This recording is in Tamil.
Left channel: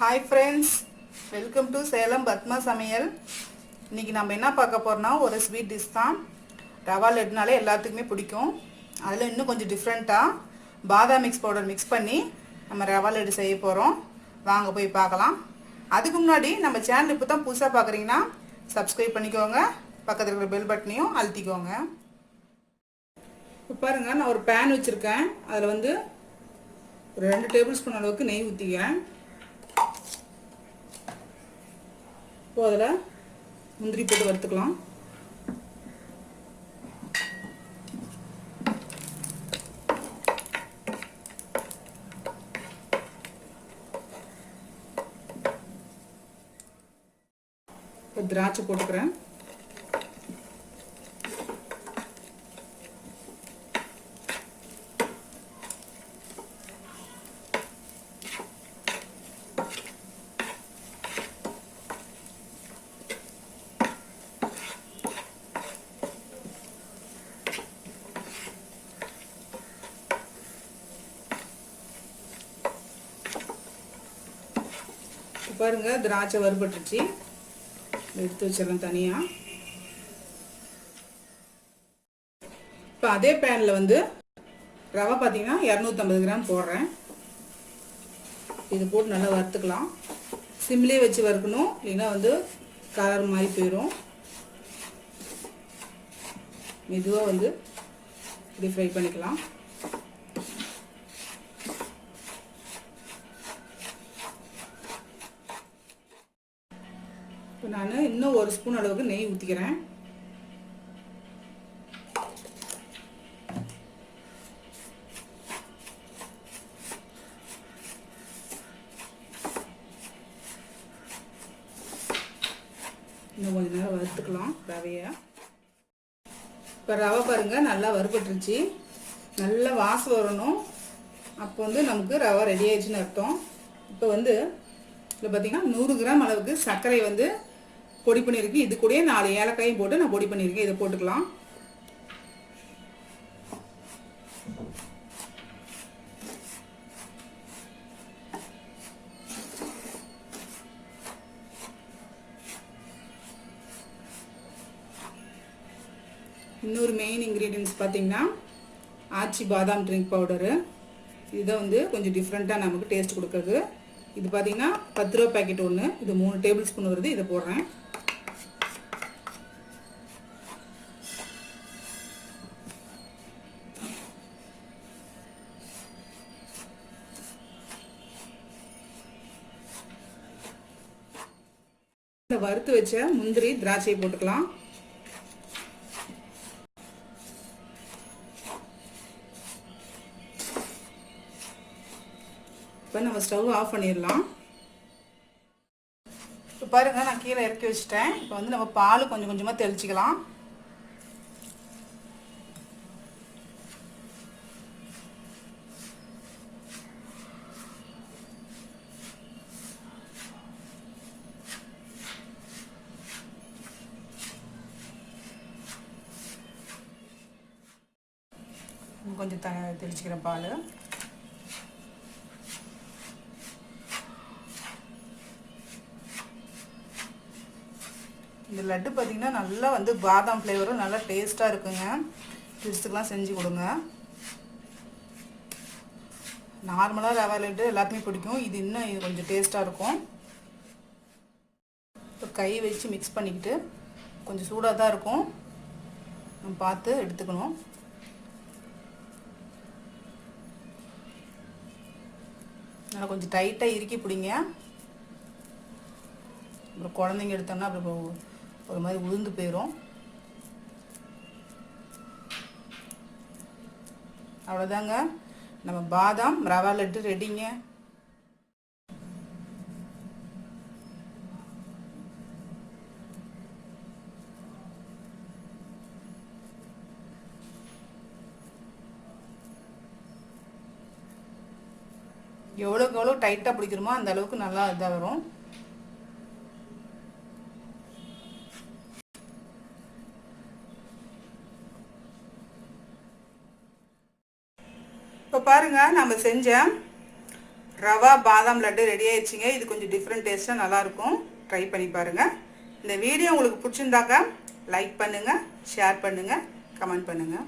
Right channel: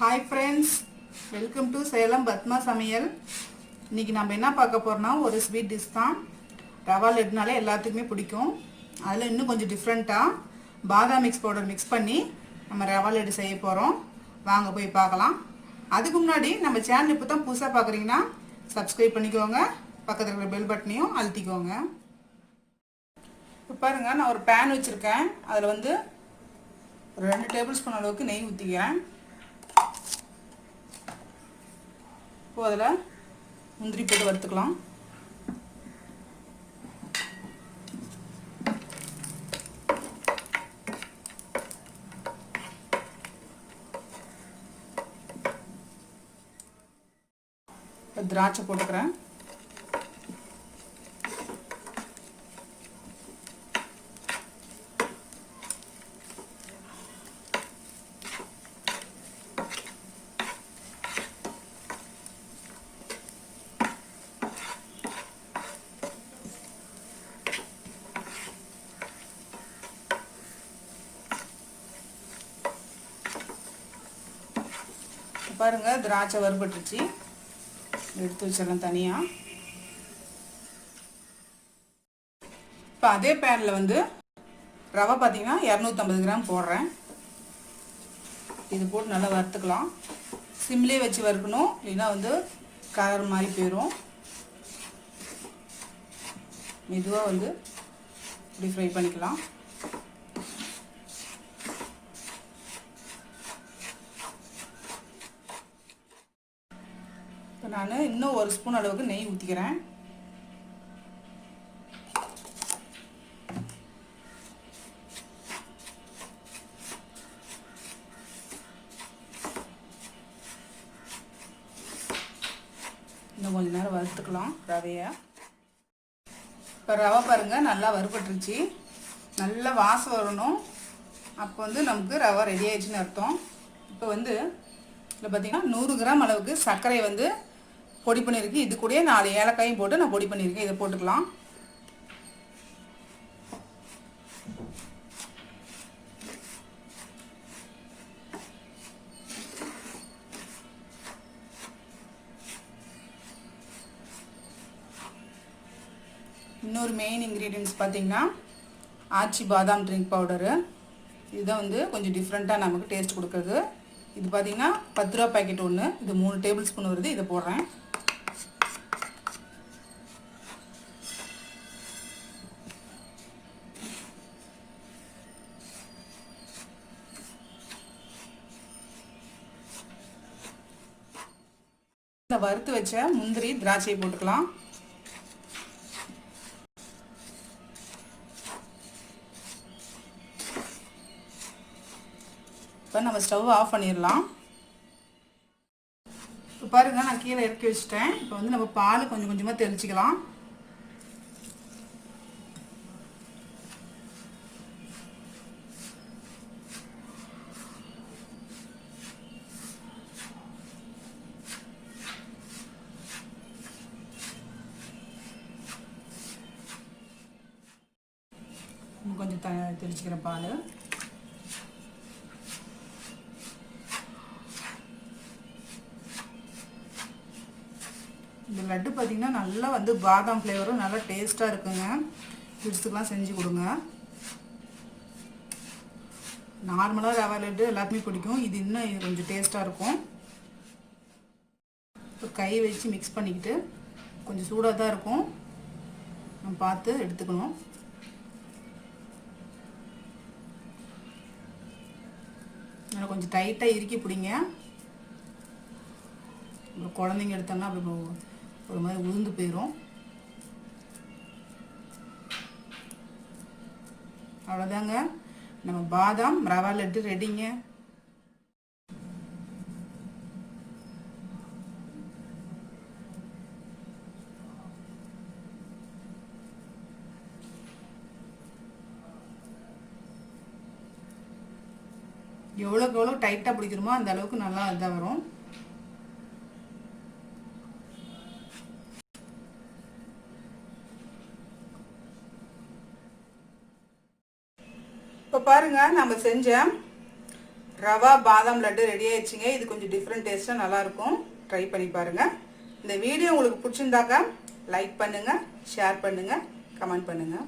Hi friends, welcome to Salem Padma சமையல். இன்றைக்கி நம்ம என்ன பார்க்க போகிறோம்னா ஒரு ஸ்வீட் டிஷ் தான். ரவா லட்டுனாலே எல்லாத்துக்குமே பிடிக்கும். அதில் இன்னும் கொஞ்சம் டிஃப்ரெண்ட்டாக பாதாம் மிக்ஸ் பவுடர் மிக்ஸ் பண்ணி நம்ம ரவா லட்டு செய்ய போகிறோம். வாங்க போய் பார்க்கலாம். அதுக்கு முன்னாடி நம்ம சேனல் இப்போ தான் புதுசாக பார்க்குறீங்கன்னா சப்ஸ்கிரைப் பண்ணிக்கோங்க, பக்கத்தில் இருக்கிற பெல் பட்டனையும் அழுத்திக்கோங்க. இப்போ பாருங்கள், நான் ஒரு பேன் வச்சுருக்கேன். அதில் வந்து ஒரு 2 டேபிள் ஸ்பூன் அளவுக்கு நெய் ஊற்றிக்கிறேன். இப்போ அதில் முந்திரி போட்டு வறுத்துக்கலாம். திராட்சை போட்டுக்கிறேன். பாருங்க, திராட்சை வறுபட்டுச்சு. எடுத்து வச்சிடலாம் தனியாக. இப்போ அதே பேனில் வந்து ரவை பார்த்தீங்கன்னா 250 கிராம் போடுறேன். இது போட்டு நல்லா வறுத்துக்கலாம். சிம்லேயே வச்சு வறுக்கணும், இல்லைன்னா வந்து கலர் மாதிரி போயிடும். மெதுவாக வந்து இப்படி ஃப்ரை பண்ணிக்கலாம். நான் இன்னும் 1 ஸ்பூன் அளவுக்கு நெய் ஊற்றிக்கிறேன். இன்னும் கொஞ்ச நேரம் வறுத்துக்கலாம் ரவையை. இப்போ ரவை பாருங்க நல்லா வறுபட்டுருச்சு. நல்லா வாசம் வரணும். அப்போ வந்து நமக்கு ரவை ரெடி ஆயிடுச்சுன்னு அர்த்தம். இப்போ வந்து இதில் பார்த்தீங்கன்னா 100 கிராம் அளவுக்கு சர்க்கரை வந்து பொடி பண்ணியிருக்கு. இது கூட 4 ஏலக்காயும் போட்டு நான் பொடி பண்ணியிருக்கேன். இதை போட்டுக்கலாம். இன்னொரு மெயின் இன்க்ரீடியன்ஸ் பார்த்தீங்கன்னா ஆச்சி பாதாம் ட்ரிங்க் பவுடரு. இதுதான் வந்து கொஞ்சம் டிஃப்ரெண்ட்டாக நமக்கு டேஸ்ட் கொடுக்குறது. இது பார்த்தீங்கன்னா 10 ரூபா பேக்கெட் ஒன்று. இது 3 டேபிள் ஸ்பூன் வருது. இதை போடுறேன். இந்த வறுத்து வச்ச முந்திரி திராட்சையை போட்டுக்கலாம். இப்போ நம்ம ஸ்டவ் ஆஃப் பண்ணிடலாம். இப்போ பாருங்க, நான் கீழே இறக்கி வச்சுட்டேன். இப்போ வந்து நம்ம பால் கொஞ்சம் கொஞ்சமாக தெளிச்சிக்கலாம். கொஞ்சம் தெளிச்சுக்கிறேன் பால். இந்த லட்டு பார்த்தீங்கன்னா நல்லா வந்து பாதாம் ஃப்ளேவரும் நல்லா டேஸ்ட்டாக இருக்குங்க. கிட்ஸுக்கெலாம் செஞ்சு கொடுங்க. நார்மலாக ரவா லட்டு எல்லாருக்குமே பிடிக்கும். இது இன்னும் கொஞ்சம் டேஸ்ட்டாக இருக்கும். இப்போ கை வச்சு மிக்ஸ் பண்ணிக்கிட்டு, கொஞ்சம் சூடாக தான் இருக்கும், நம்ம பார்த்து எடுத்துக்கணும். நல்லா கொஞ்சம் டைட்டாக இறுக்கி பிடிங்க. இப்போ குழந்தைங்க எடுத்தோம்னா அப்படி ஒரு மாதிரி உளுந்து போயிடும். அவ்வளோதாங்க, நம்ம பாதாம் ரவா லட்டு ரெடிங்க. எவ்வளோக்கு எவ்வளோ டைட்டாக பிடிக்கிறோமோ அந்த அளவுக்கு நல்லா இதாக வரும். இப்போ பாருங்க, நம்ம செஞ்ச ரவா பாதாம் லட்டு ரெடி ஆயிடுச்சுங்க. இது கொஞ்சம் டிஃப்ரெண்ட் டேஸ்ட்டாக நல்லாயிருக்கும். ட்ரை பண்ணி பாருங்கள். இந்த வீடியோ உங்களுக்கு பிடிச்சிருந்தாக்கா லைக் பண்ணுங்கள், ஷேர் பண்ணுங்கள், கமெண்ட் பண்ணுங்கள்.